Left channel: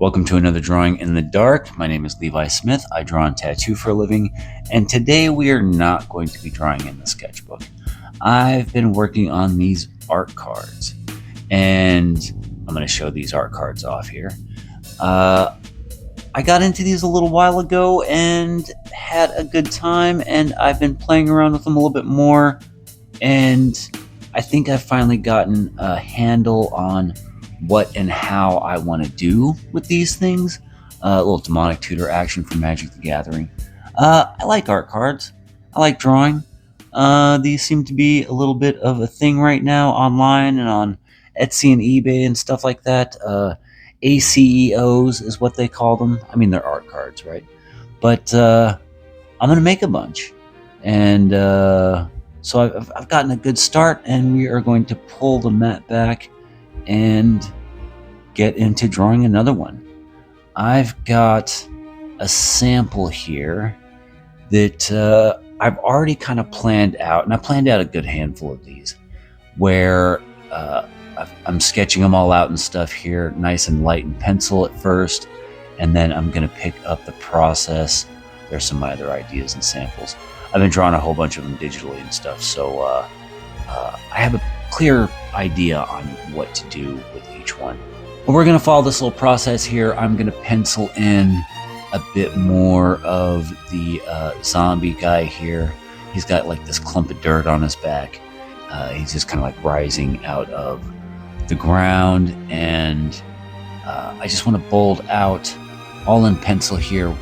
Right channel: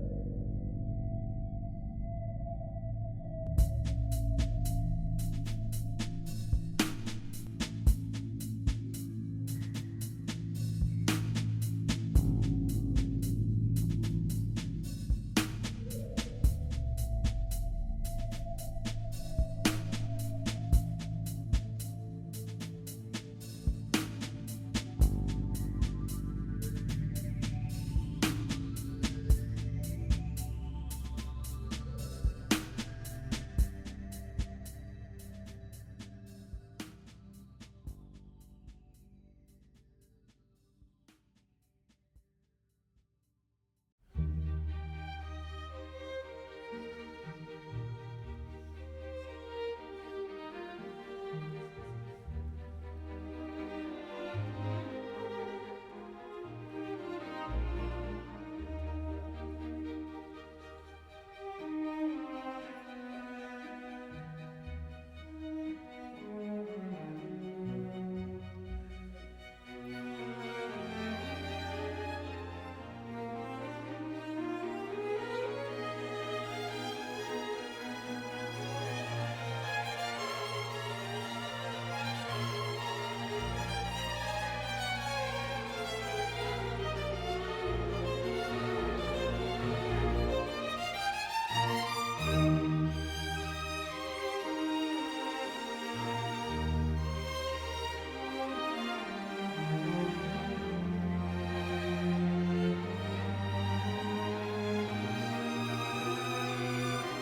Welcome to another Drawing in the Dark. My name is Levi Smith. I draw and tattoo for a living, and today we are not going to be drawing in the sketchbook. I've been working on these art cards, and I'm going to show these art cards off here. I got into these a little while ago and had a good time, and I've been playing around with them a little bit more, and I think I've finally gotten a handle on what and how I want to do with these things. A little demonic tutor action from Magic the Gathering. I like art cards. I like drawing. These seem to be a little bit of a thing right now online and on Etsy and eBay and stuff like that. ACEOs is what they call them. I mean, they're art cards, right? But I'm going to make a bunch. And so I've gotten a good start, and we are going to pull the mat back and get into drawing another one. I've got a sample here that I've already kind of planned out, and I planned out a good handful of these where I'm sketching them all out and stuff here, nice and light in pencil at first, and then I'm going to pick up the process. There's some other ideas and samples. I've been drawing a whole bunch of them digitally and stuff, so I have a clear idea on what to do with each one. But we're going to follow this little process here. I'm going to pencil in a bit more of the zombie guy here. He's got like this clump of dirt on his back. He's just kind of like rising out of the ground, and I just want to bold out all in pencil here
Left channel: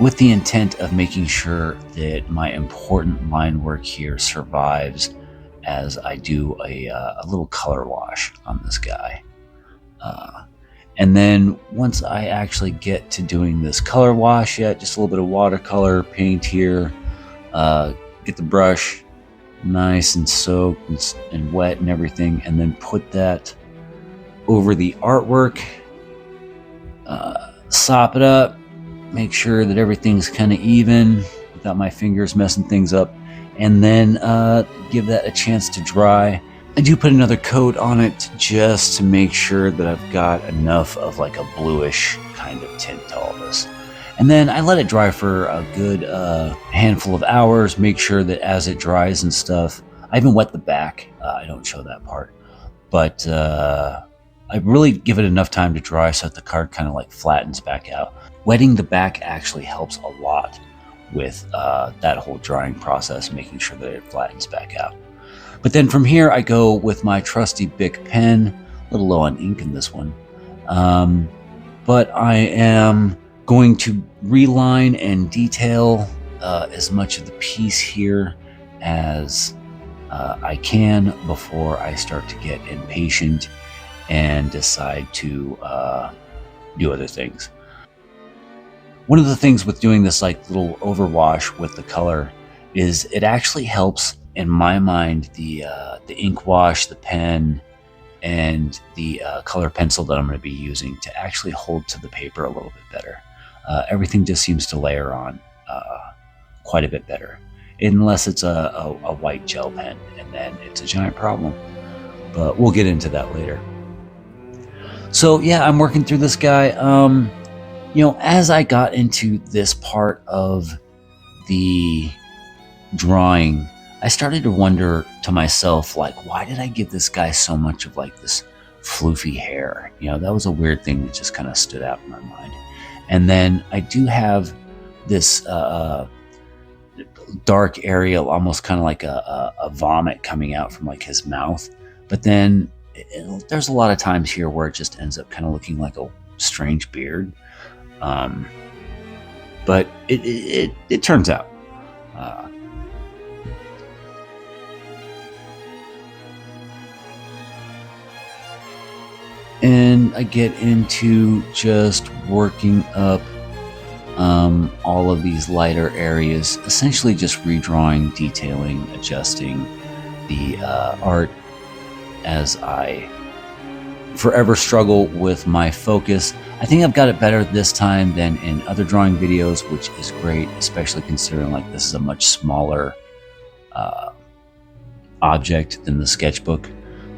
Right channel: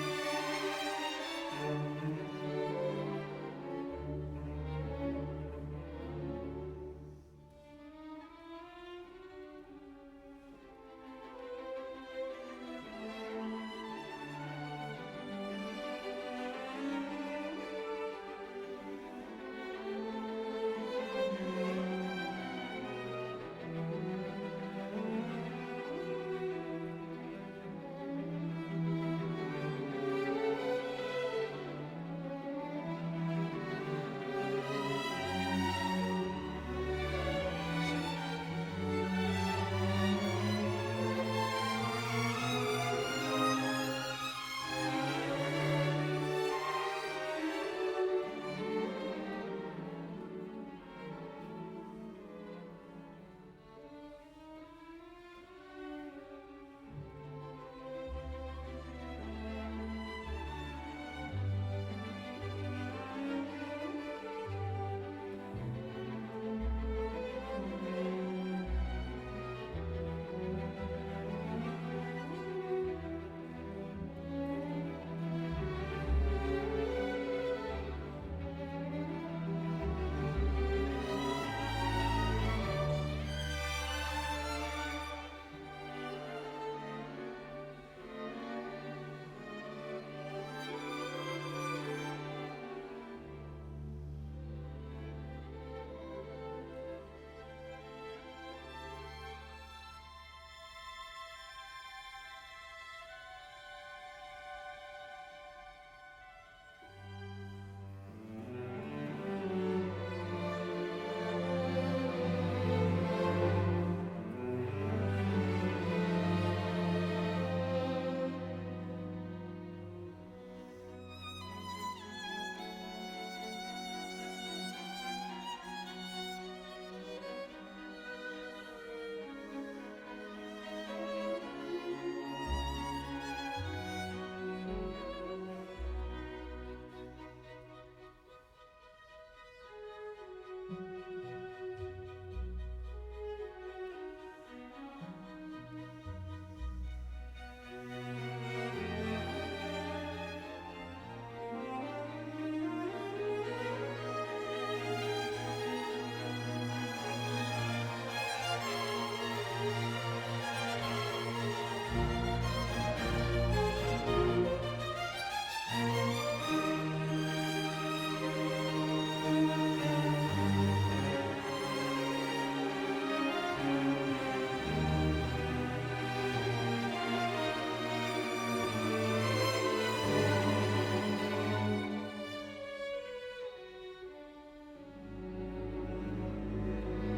with the intent of making sure that my important line work here survives as I do a little color wash on this guy. And then once I actually get to doing this color wash, just a little bit of watercolor paint here, get the brush nice and soaked and wet and everything, and then put that over the artwork, sop it up, make sure that everything's kind of even without my fingers messing things up, and then give that a chance to dry. I do put another coat on it just to make sure that I've got enough of like a bluish kind of tint to all this. And then I let it dry for a good handful of hours, make sure that as it dries and stuff, I even wet the back. I don't show that part, but I really give it enough time to dry so that the card kind of like flattens back out. Wetting the back actually helps a lot with that whole drying process, making sure that it flattens back out. But then from here, I go with my trusty Bic pen, a little low on ink in this one. But I am going to reline and detail as much of the piece here as I can before I start to get impatient and decide to do other things. One of the things with doing this like little overwash with the color is it actually helps, in my mind, the ink wash, the pen, and the color pencil that I'm going to be using to actually hold to the paper a little bit better. Everything just seems to layer on quite a bit better, unless it's a white gel pen, and then it's a giant problem. But we'll get into that later. So yeah, I'm working through this guy. As I got into this part of the drawing, I started to wonder to myself, like, why did I give this guy so much of like this floofy hair? That was a weird thing that just kind of stood out in my mind. And then I do have this dark area, almost kind of like a vomit coming out from like his mouth. But then there's a lot of times here where it just ends up kind of looking like a strange beard. But it turns out. And I get into just working up all of these lighter areas, essentially just redrawing, detailing, adjusting the art as I forever struggle with my focus. I think I've got it better this time than in other drawing videos, which is great, especially considering like this is a much smaller object than the sketchbook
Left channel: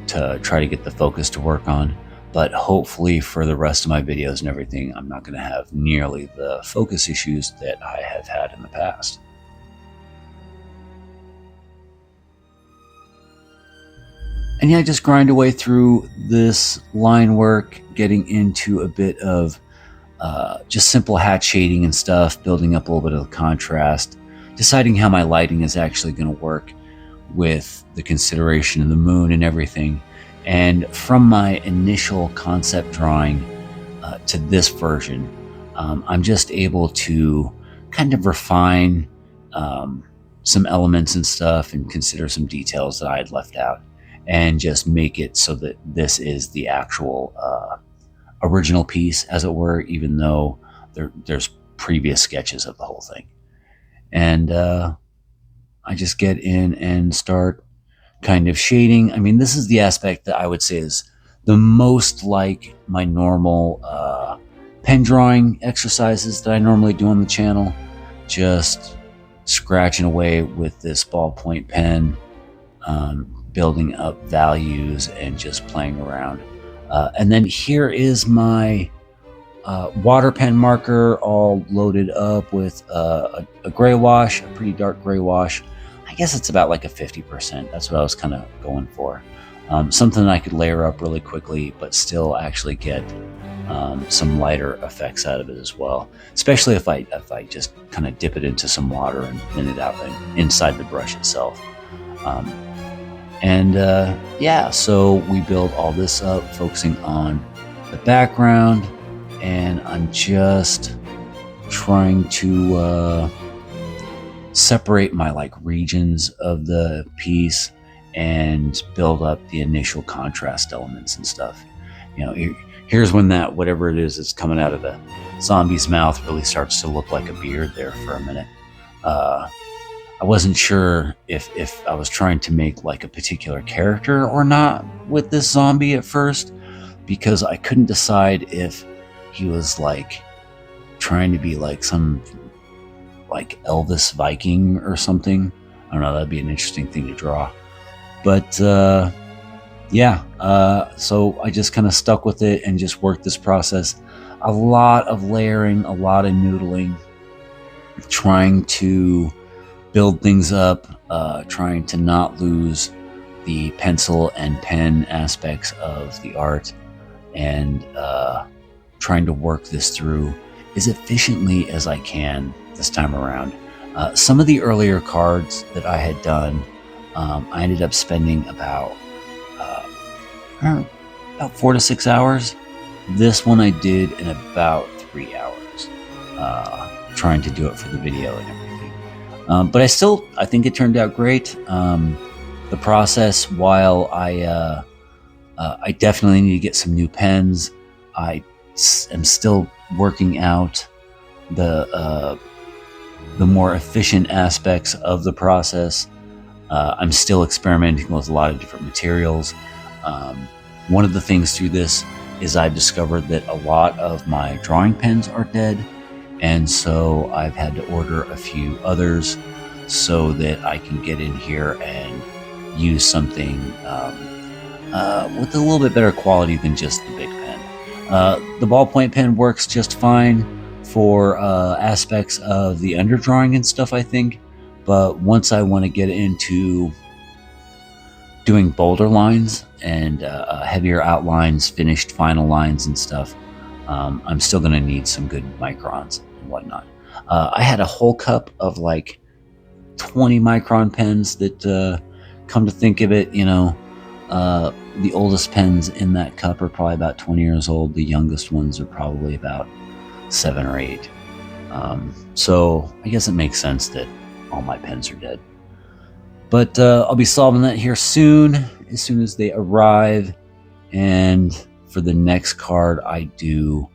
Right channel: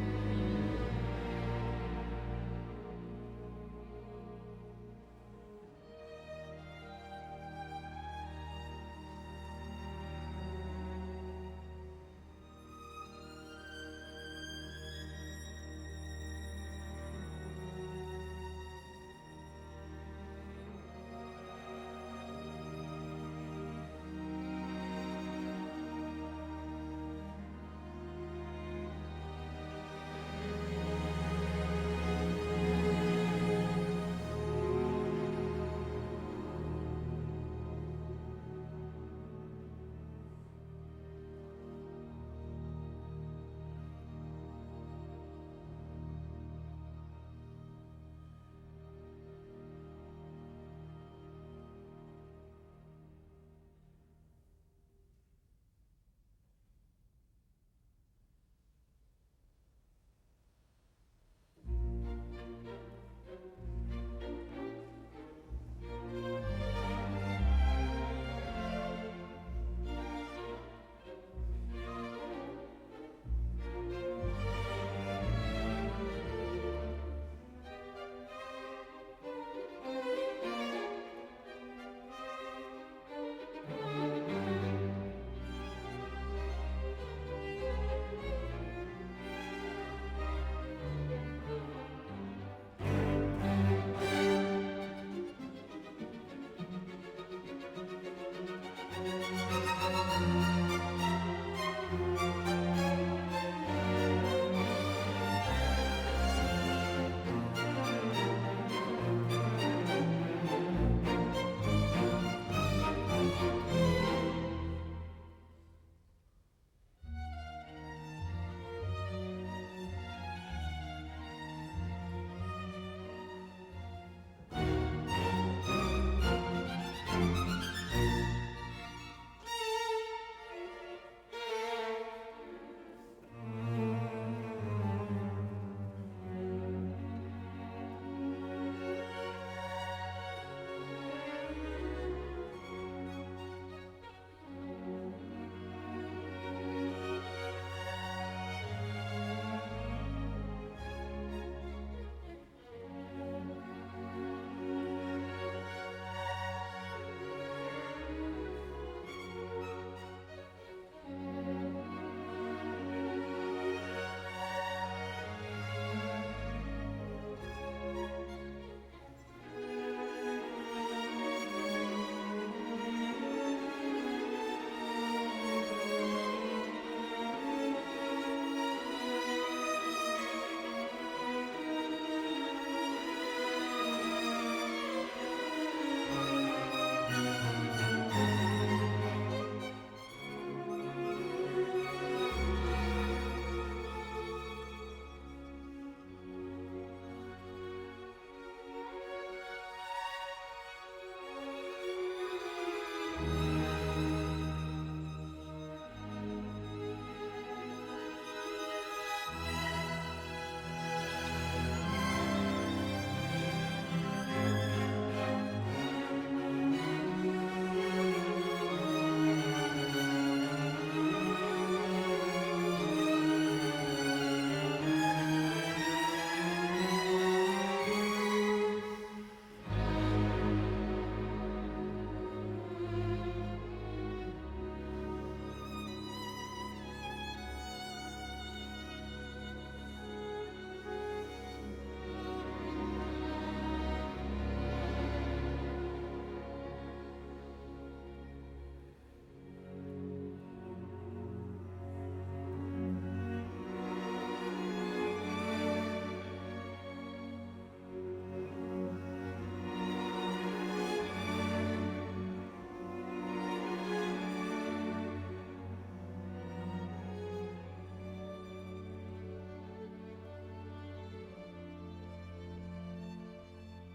to try to get the focus to work on. but hopefully for the rest of my videos and everything, I'm not going to have nearly the focus issues that I have had in the past. And yeah, just grind away through this line work, getting into a bit of just simple hat shading and stuff, building up a little bit of contrast, deciding how my lighting is actually going to work with the consideration of the moon and everything. And from my initial concept drawing to this version, I'm just able to kind of refine some elements and stuff and consider some details that I had left out and just make it so that this is the actual original piece, as it were, even though there's previous sketches of the whole thing. And I just get in and start kind of shading. I mean, this is the aspect that I would say is the most like my normal pen drawing exercises that I normally do on the channel. Just scratching away with this ballpoint pen, building up values and just playing around. And then here is my water pen marker all loaded up with a gray wash, a pretty dark gray wash. I guess it's about like a 50%. That's what I was kind of going for. Something that I could layer up really quickly, but still actually get some lighter effects out of it as well. Especially if I just kind of dip it into some water and thin it out inside the brush itself. Yeah, so we build all this up, focusing on the background, and I'm just trying to separate my like regions of the piece and build up the initial contrast elements and stuff. You know, here's when that whatever it is that's coming out of the zombie's mouth really starts to look like a beard there for a minute. I wasn't sure if I was trying to make like a particular character or not with this zombie at first, because I couldn't decide if he was like trying to be like some like Elvis Viking or something. I don't know, that'd be an interesting thing to draw. But yeah, so I just kind of stuck with it and just worked this process. A lot of layering, a lot of noodling, trying to build things up, trying to not lose the pencil and pen aspects of the art, and trying to work this through as efficiently as I can this time around. Some of the earlier cards that I had done, I ended up spending about 4 to 6 hours. This one I did in about 3 hours, trying to do it for the video and everything. But I think it turned out great. The process, while I definitely need to get some new pens, I am still working out the more efficient aspects of the process. I'm still experimenting with a lot of different materials. One of the things through this is I've discovered that a lot of my drawing pens are dead, and so I've had to order a few others so that I can get in here and use something with a little bit better quality than just the big pen. The ballpoint pen works just fine for aspects of the underdrawing and stuff, I think, but once I want to get into doing bolder lines and heavier outlines, finished final lines and stuff, I'm still going to need some good microns and whatnot. I had a whole cup of like 20 micron pens that, come to think of it, you know, the oldest pens in that cup are probably about 20 years old. The youngest ones are probably about 7 or 8. So I guess it makes sense that all my pens are dead. But I'll be solving that here soon as they arrive. And for the next card I do,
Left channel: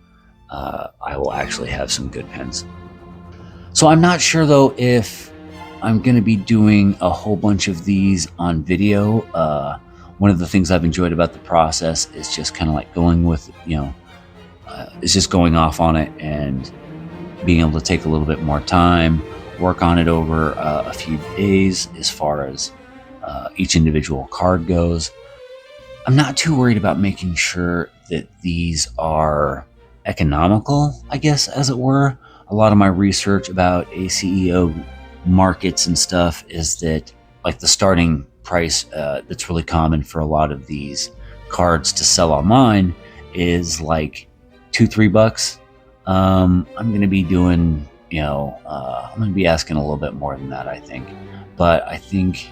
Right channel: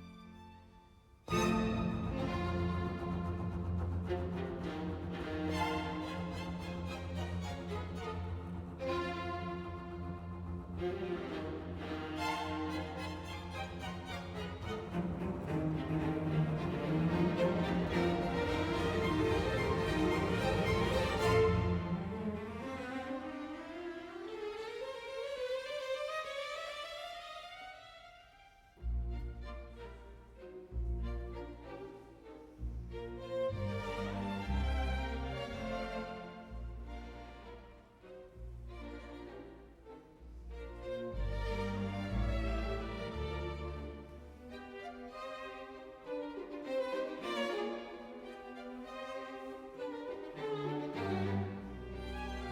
I will actually have some good pens. So I'm not sure though if I'm going to be doing a whole bunch of these on video. One of the things I've enjoyed about the process is just kind of like going with, you know, it's just going off on it and being able to take a little bit more time, work on it over a few days as far as each individual card goes. I'm not too worried about making sure that these are economical, I guess, as it were. A lot of my research about ACEO markets and stuff is that, like, the starting price that's really common for a lot of these cards to sell online is like $2-3. I'm going to be doing, I'm going to be asking a little bit more than that, I think. But I think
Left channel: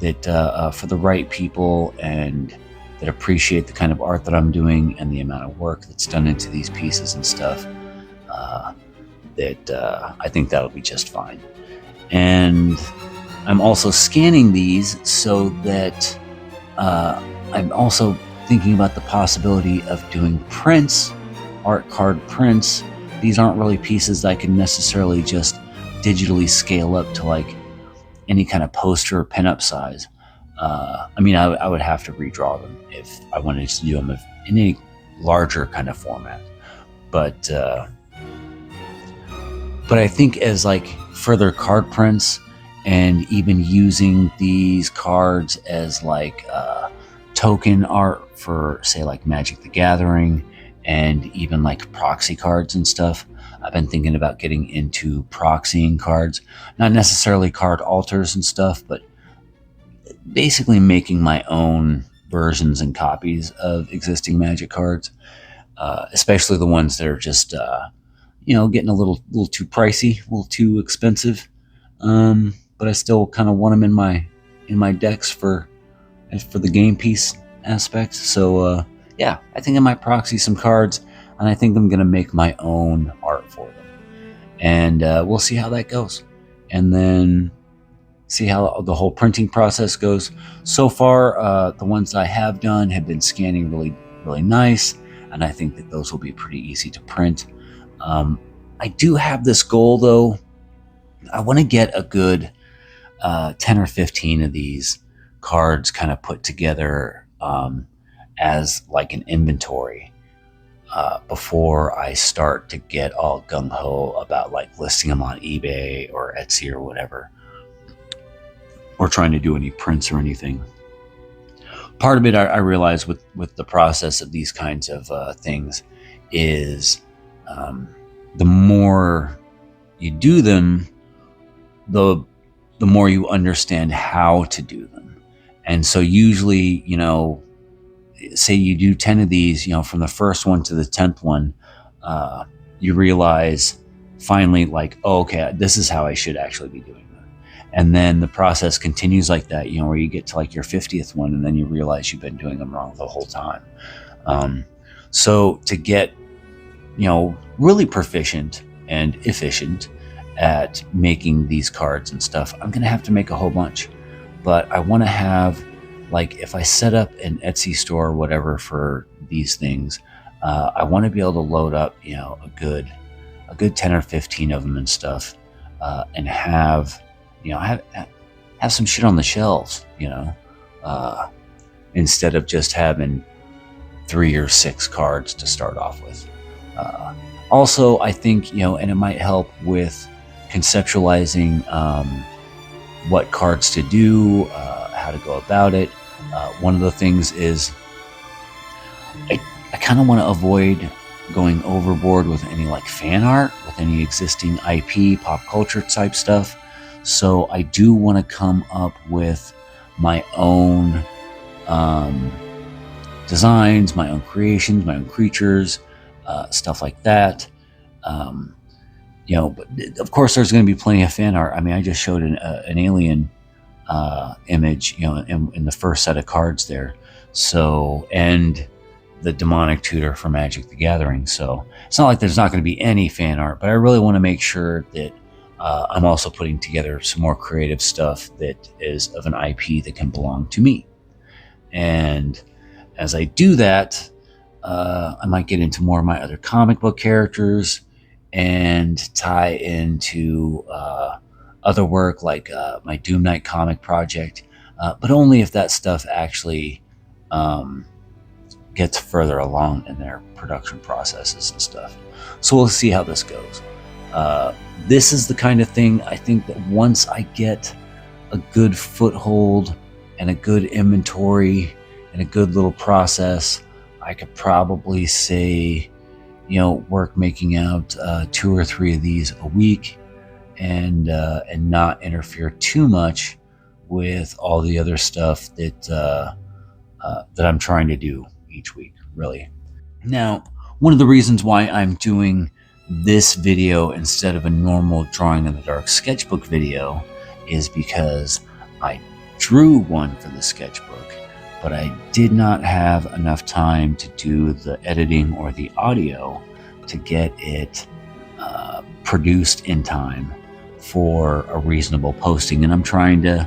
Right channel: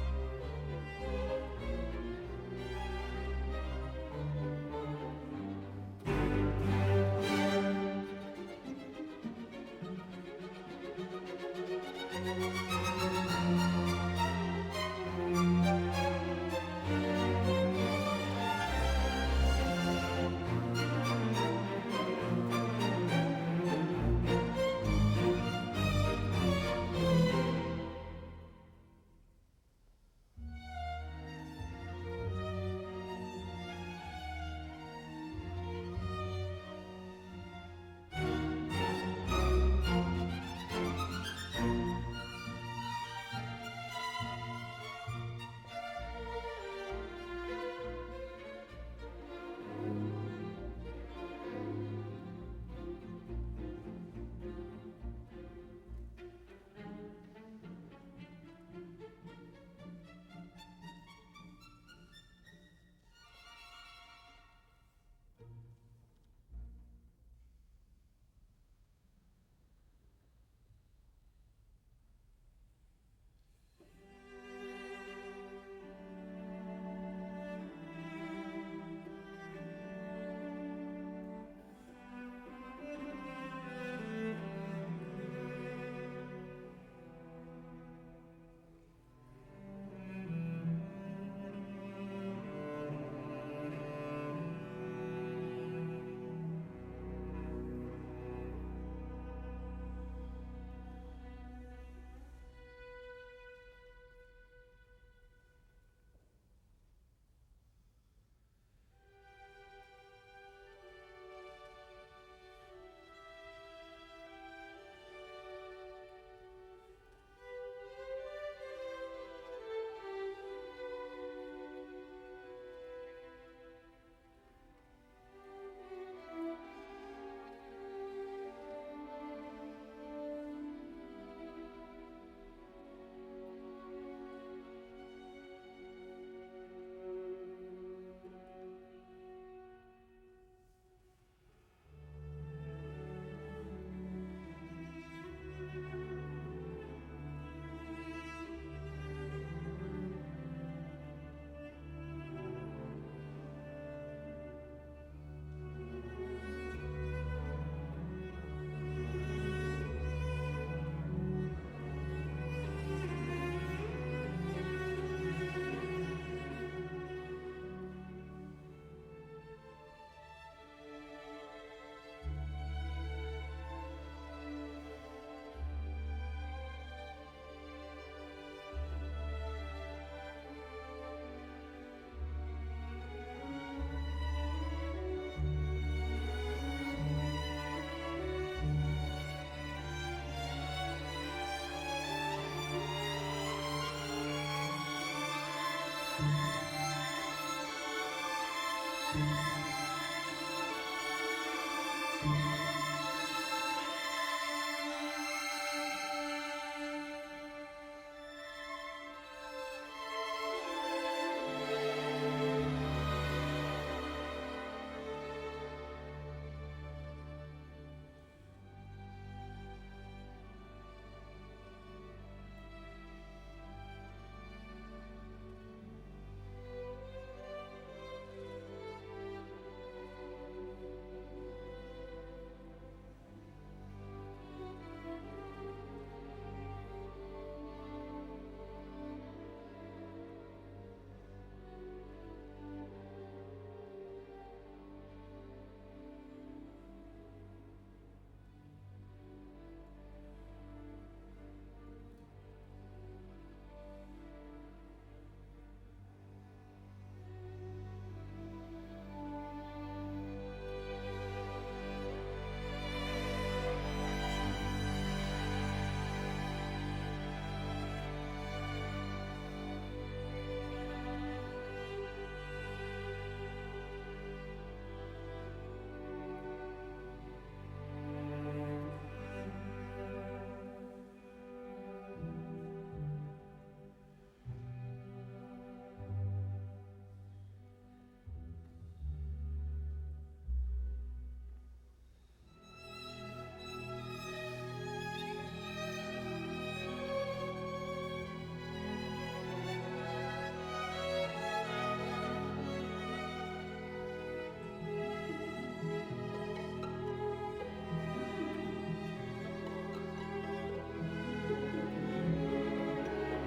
that for the right people and that appreciate the kind of art that I'm doing and the amount of work that's done into these pieces and stuff, I think that'll be just fine. And I'm also scanning these so that I'm also thinking about the possibility of doing prints, art card prints. These aren't really pieces I can necessarily just digitally scale up to like any kind of poster or pinup size. I would have to redraw them if I wanted to do them in any larger kind of format. But I think as like further card prints and even using these cards as like token art for, say, like Magic the Gathering and even like proxy cards and stuff, I've been thinking about getting into proxying cards, not necessarily card alters and stuff, but basically making my own versions and copies of existing Magic cards, especially the ones that are just, getting a little too pricey, a little too expensive. But I still kind of want them in my decks for the game piece aspect. So yeah, I think I might proxy some cards, and I think I'm gonna make my own art for them, and we'll see how that goes, and then see how the whole printing process goes. So far, the ones I have done have been scanning really, really nice, and I think that those will be pretty easy to print. I do have this goal, though. I want to get a good 10 or 15 of these cards kind of put together as like an inventory before I start to get all gung-ho about like listing them on eBay or Etsy or whatever, or trying to do any prints or anything. Part of it I realize with the process of these kinds of things is the more you do them, the more you understand how to do them. And so usually, say you do 10 of these, from the first one to the 10th one, you realize finally, like, oh, okay, this is how I should actually be doing it. And then the process continues like that, where you get to like your 50th one, and then you realize you've been doing them wrong the whole time. So to get, really proficient and efficient at making these cards and stuff, I'm gonna have to make a whole bunch. But I want to have, like, if I set up an Etsy store or whatever for these things, I want to be able to load up, a good 10 or 15 of them and stuff, and have some shit on the shelves, instead of just having 3 or 6 cards to start off with. Also, I think, and it might help with conceptualizing what cards to do, how to go about it. One of the things is I kind of want to avoid going overboard with any like fan art, with any existing IP, pop culture type stuff. So I do want to come up with my own designs, my own creations, my own creatures, stuff like that. But of course there's going to be plenty of fan art. I mean, I just showed an alien image, in the first set of cards there. So, and the demonic tutor for Magic the Gathering. So it's not like there's not going to be any fan art, but I really want to make sure that I'm also putting together some more creative stuff that is of an IP that can belong to me. And as I do that, I might get into more of my other comic book characters and tie into other work like my Doom Knight comic project, but only if that stuff actually gets further along in their production processes and stuff. So we'll see how this goes. This is the kind of thing I think that once I get a good foothold and a good inventory and a good little process, I I could probably say, work making out 2 or 3 of these a week, and not interfere too much with all the other stuff that I'm trying to do each week, really. Now, one of the reasons why I'm doing this video instead of a normal drawing in the dark sketchbook video is because I drew one for the sketchbook, but I did not have enough time to do the editing or the audio to get it produced in time for a reasonable posting. And I'm trying to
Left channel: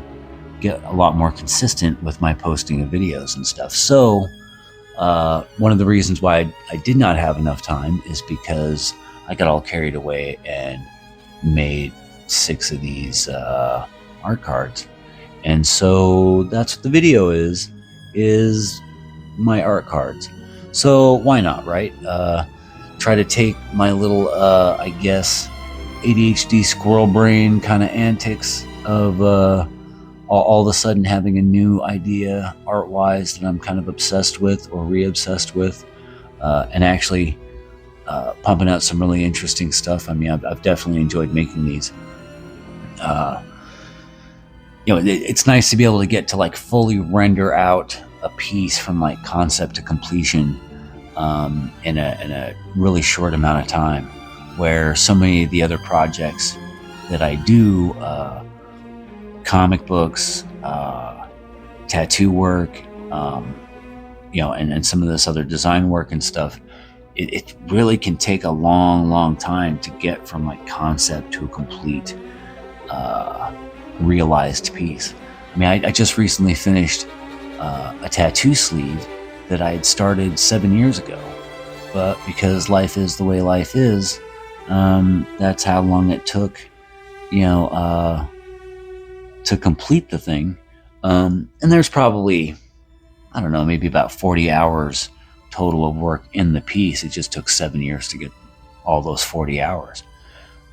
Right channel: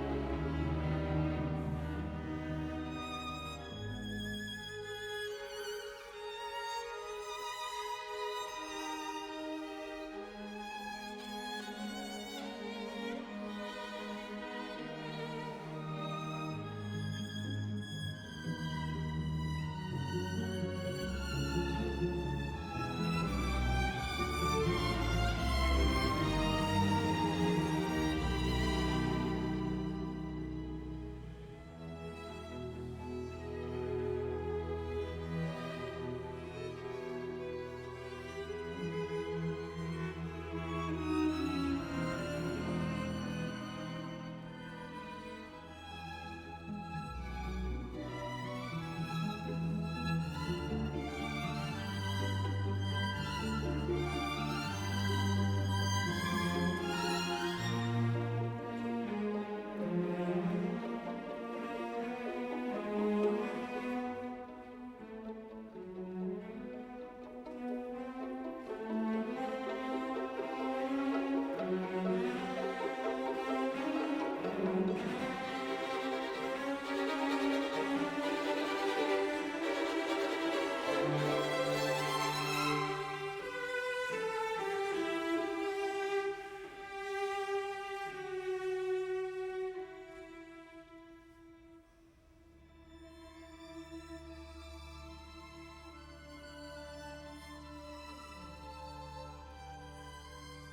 get a lot more consistent with my posting of videos and stuff. So one of the reasons why I did not have enough time is because I got all carried away and made 6 of these art cards. And so that's what the video is my art cards. So why not, right? Try to take my little, I guess, ADHD squirrel brain kind of antics of all of a sudden having a new idea art-wise that I'm kind of obsessed with or re-obsessed with, and actually pumping out some really interesting stuff. I mean, I've definitely enjoyed making these. It's nice to be able to get to like fully render out a piece from like concept to completion in a really short amount of time, where so many of the other projects that I do, comic books, tattoo work, and some of this other design work and stuff, it really can take a long time to get from like concept to a complete realized piece. I mean, I just recently finished a tattoo sleeve that I had started 7 years ago, but because life is the way life is, that's how long it took, to complete the thing. And there's probably, I don't know, maybe about 40 hours total of work in the piece. It just took 7 years to get all those 40 hours.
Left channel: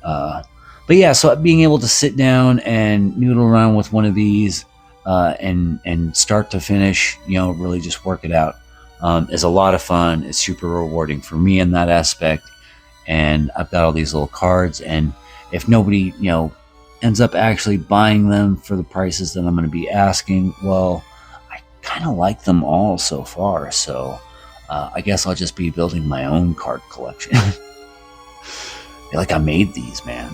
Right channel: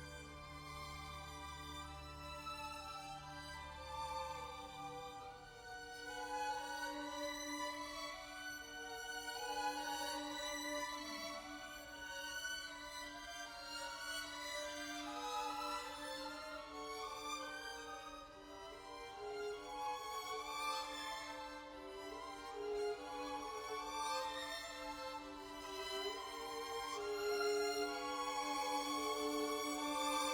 But yeah, so being able to sit down and noodle around with one of these and start to finish, really just work it out, is a lot of fun. It's super rewarding for me in that aspect. And I've got all these little cards, and if nobody, ends up actually buying them for the prices that I'm going to be asking, well, I kind of like them all so far. So I guess I'll just be building my own card collection. Like, I made these, man.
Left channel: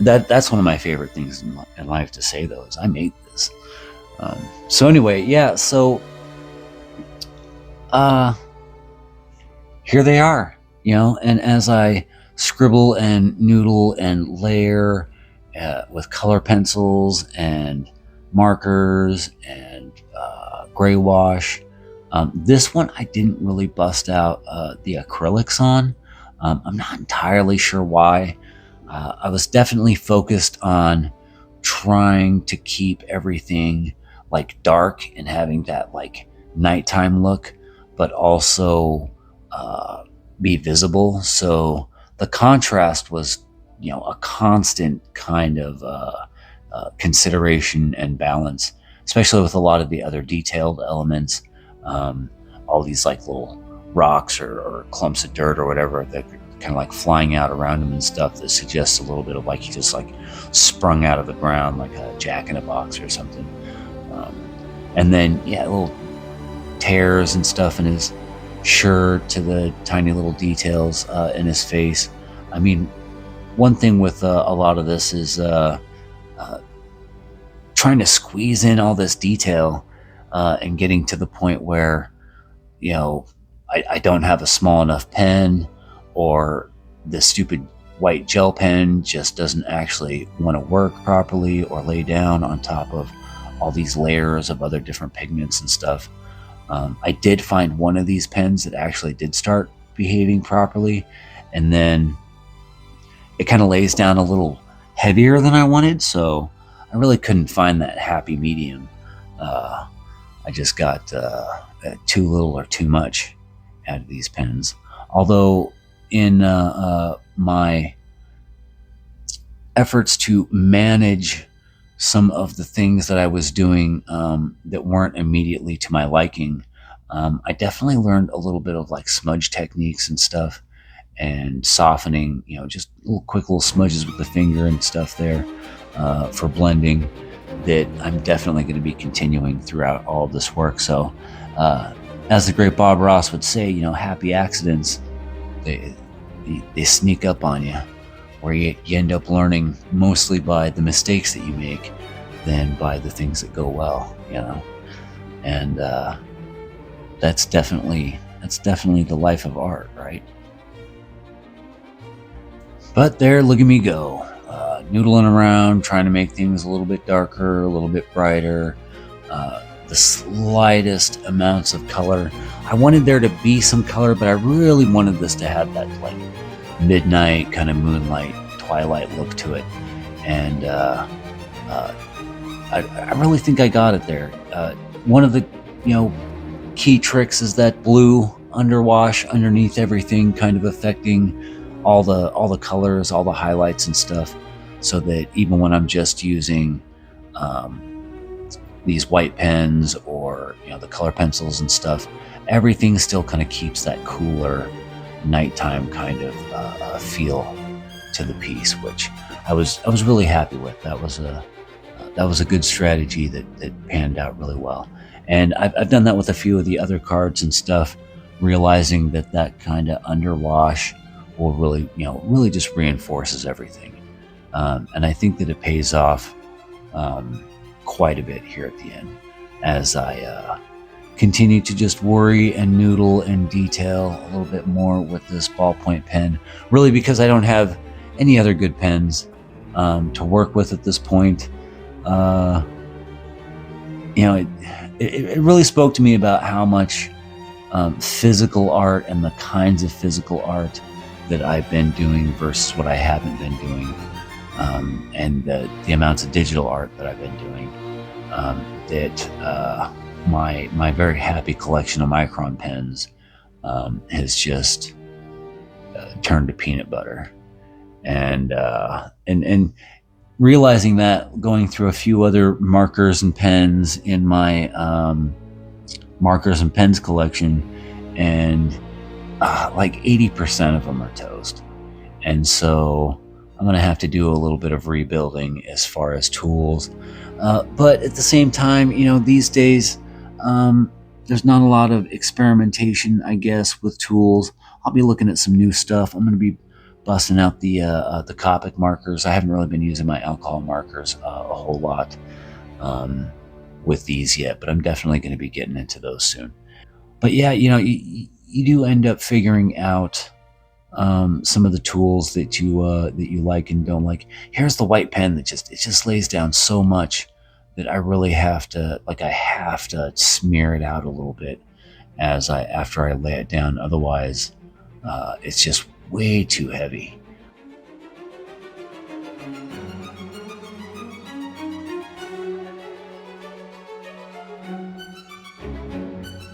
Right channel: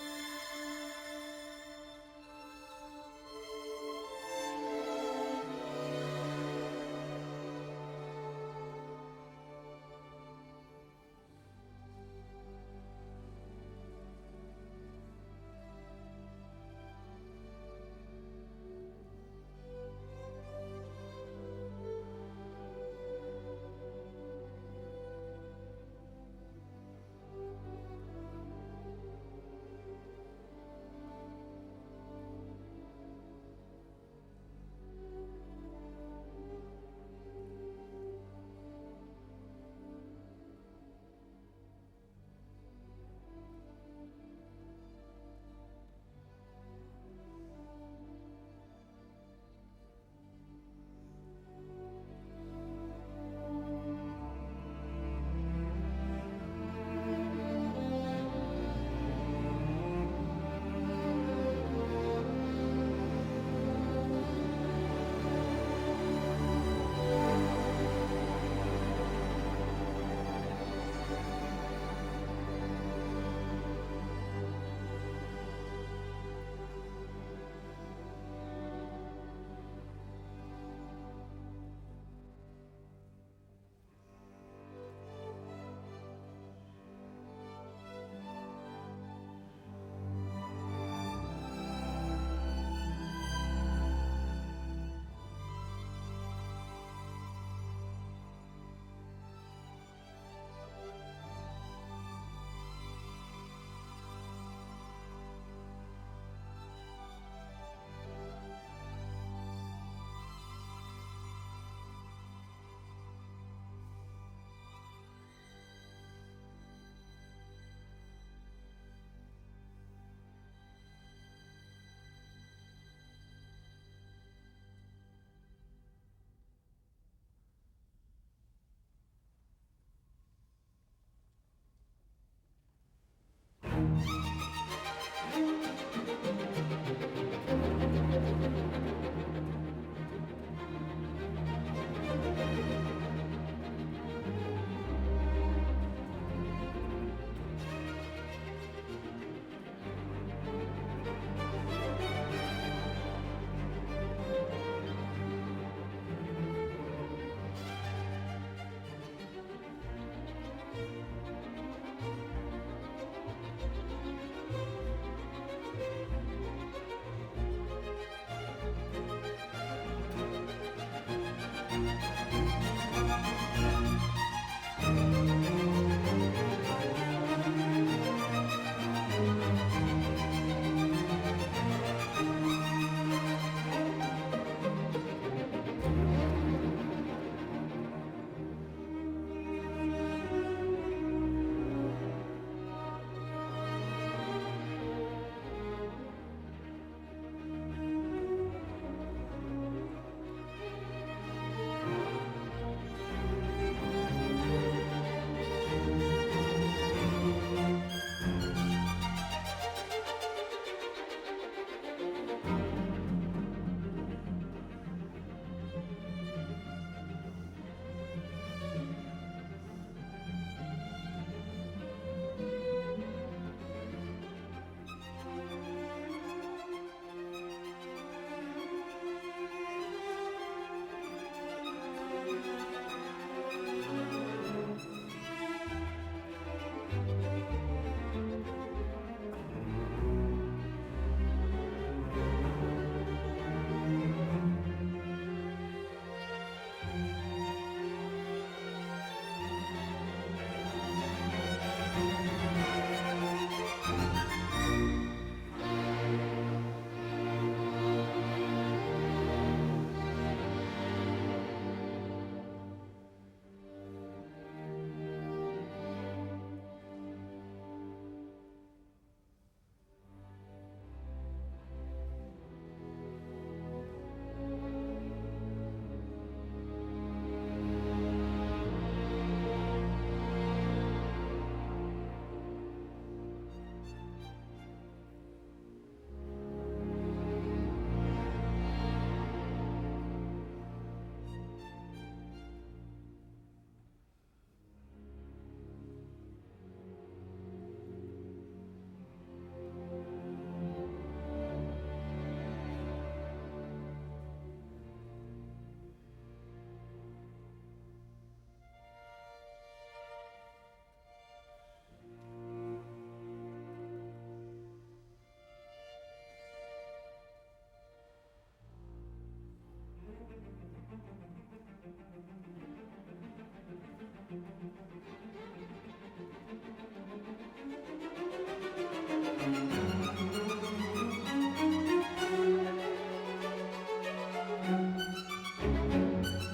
That's one of my favorite things in life to say, though, is I made this. So anyway, yeah, so here they are, and as I scribble and noodle and layer with color pencils and markers and gray wash, this one I didn't really bust out the acrylics on. I'm not entirely sure why. I was definitely focused on trying to keep everything like dark and having that like nighttime look, but also be visible. So the contrast was, a constant kind of consideration and balance, especially with a lot of the other detailed elements, all these like little rocks or clumps of dirt or whatever that kind of like flying out around him and stuff that suggests a little bit of like he just like sprung out of the ground like a jack in a box or something. And then little tears and stuff in his shirt to the tiny little details in his face. I mean, one thing with a lot of this is trying to squeeze in all this detail and getting to the point where, I don't have a small enough pen, or the stupid white gel pen just doesn't actually want to work properly or lay down on top of all these layers of other different pigments and stuff. I did find one of these pens that actually did start behaving properly, and then it kind of lays down a little heavier than I wanted, so I really couldn't find that happy medium. I just got too little or too much out of these pens. Although in my efforts to manage some of the things that I was doing that weren't immediately to my liking, I definitely learned a little bit of like smudge techniques and stuff, and softening, just quick little smudges with the finger and stuff there for blending, that I'm definitely going to be continuing throughout all of this work. So, uh, as the great Bob Ross would say, happy accidents, they sneak up on you, where you end up learning mostly by the mistakes that you make than by the things that go well. And that's definitely the life of art, right? But there, look at me go, noodling around, trying to make things a little bit darker, a little bit brighter, the slightest amounts of color. I wanted there to be some color, but I really wanted this to have that like midnight kind of moonlight, twilight look to it. And I really think I got it there. One of the key tricks is that blue underwash underneath everything, kind of affecting all the colors, all the highlights and stuff, so that even when I'm just using these white pens or the color pencils and stuff, everything still kind of keeps that cooler nighttime kind of feel to the piece, which I was really happy with. That was a good strategy that panned out really well. And I've done that with a few of the other cards and stuff, realizing that kind of underwash will really just reinforces everything. And I think that it pays off quite a bit here at the end, as I continue to just worry and noodle and detail a little bit more with this ballpoint pen, really because I don't have any other good pens to work with at this point. It really spoke to me about how much physical art and the kinds of physical art that I've been doing versus what I haven't been doing, and the amounts of digital art that I've been doing. That my very happy collection of Micron pens has just turned to peanut butter, and realizing that, going through a few other markers and pens in my markers and pens collection, and like 80% of them are toast. And so I'm going to have to do a little bit of rebuilding as far as tools. But at the same time, these days, there's not a lot of experimentation, I guess, with tools. I'll be looking at some new stuff. I'm going to be busting out the Copic markers. I haven't really been using my alcohol markers a whole lot with these yet, but I'm definitely going to be getting into those soon. But yeah, you do end up figuring out some of the tools that you like and don't like. Here's the white pen that just lays down so much that I really have to smear it out a little bit after I lay it down. Otherwise, it's just way too heavy.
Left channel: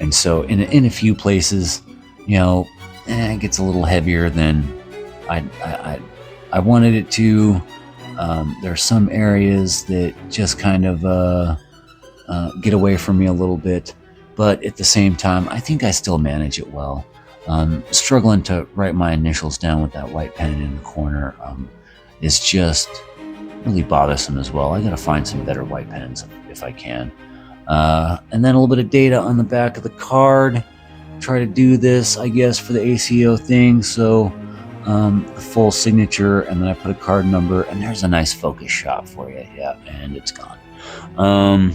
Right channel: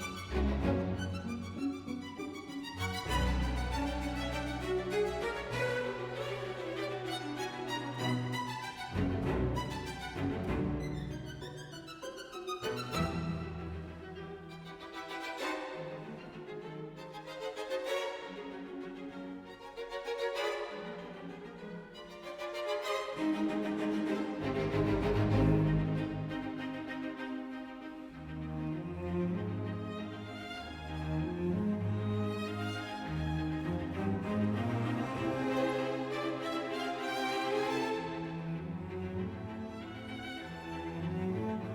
And so in a few places, it gets a little heavier than I wanted it to. There are some areas that just kind of get away from me a little bit, but at the same time, I think I still manage it well. Struggling to write my initials down with that white pen in the corner is just really bothersome as well. I gotta find some better white pens if I can. And then a little bit of data on the back of the card. Try to do this, I guess, for the ACEO thing. So full signature, and then I put a card number, and there's a nice focus shot for you. Yeah, and it's gone.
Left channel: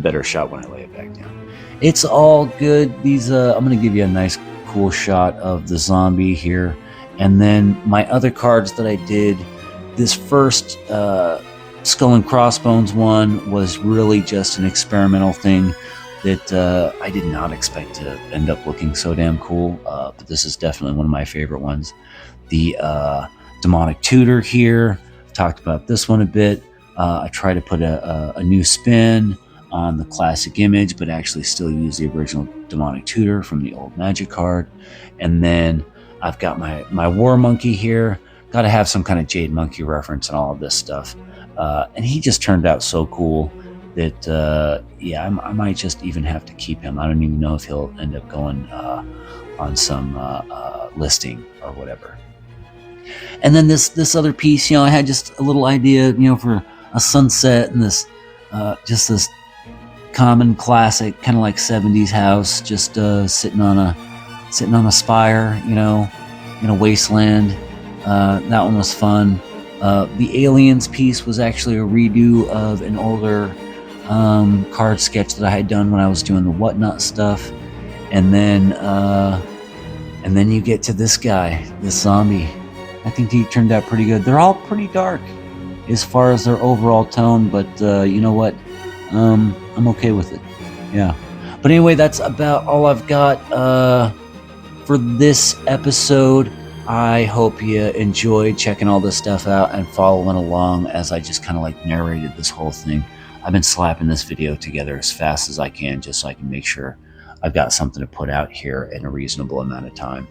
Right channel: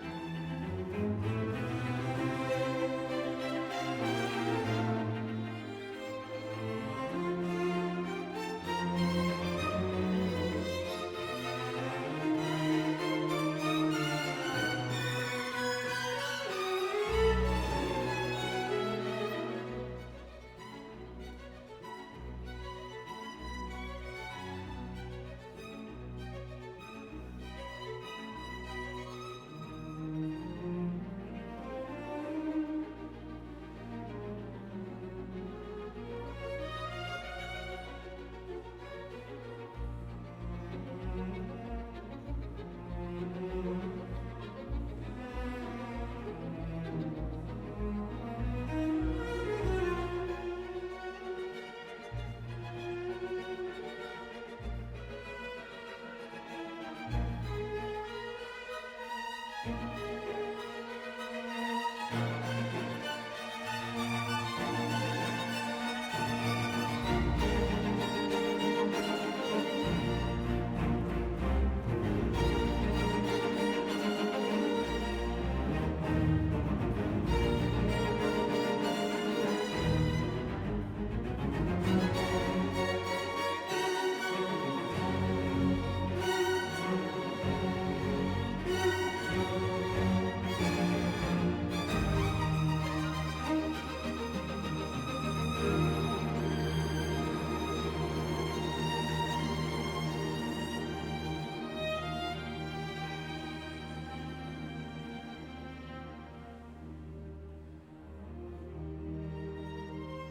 Better shot when I lay it back down. It's all good. These I'm gonna give you a nice cool shot of the zombie here, and then my other cards that I did. This first Skull and Crossbones one was really just an experimental thing that I did not expect to end up looking so damn cool, but this is definitely one of my favorite ones. The Demonic Tutor here, talked about this one a bit. I try to put a new spin on the classic image, but actually still use the original Demonic Tutor from the old Magic card. And then I've got my War Monkey here. Got to have some kind of Jade Monkey reference and all of this stuff. And he just turned out so cool. that yeah, I might just even have to keep him. I don't even know if he'll end up going on some listing or whatever. And then this other piece, I had just a little idea, for a sunset and this just this common classic kind of like 70s house, just sitting on a spire, in a wasteland. That one was fun. The aliens piece was actually a redo of an older card sketch that I had done when I was doing the whatnot stuff. And then you get to this guy, this zombie. I think he turned out pretty good. They're all pretty dark as far as their overall tone, but you know what? I'm okay with it. Yeah. But anyway, that's about all I've got for this episode. I hope you enjoyed checking all this stuff out and following along as I just kind of like narrated this whole thing. I've been slapping this video together as fast as I can just so I can make sure I've got something to put out here in a reasonable amount of time.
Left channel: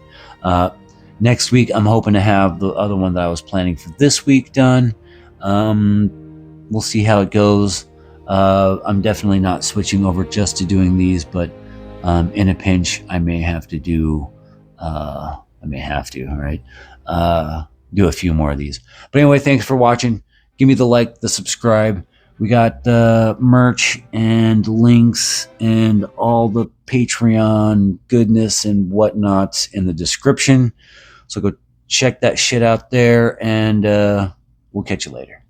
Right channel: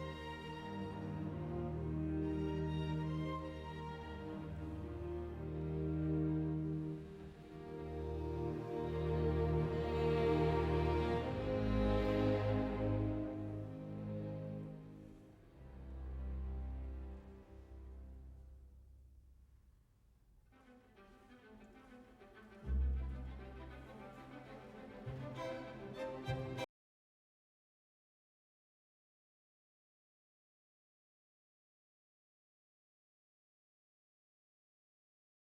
Next week, I'm hoping to have the other one that I was planning for this week done. We'll see how it goes. I'm definitely not switching over just to doing these, but in a pinch, I may have to do, all right? Do a few more of these. But anyway, thanks for watching. Give me the like, the subscribe. We got merch and links and all the Patreon goodness and whatnots in the description. So go check that shit out there, and we'll catch you later.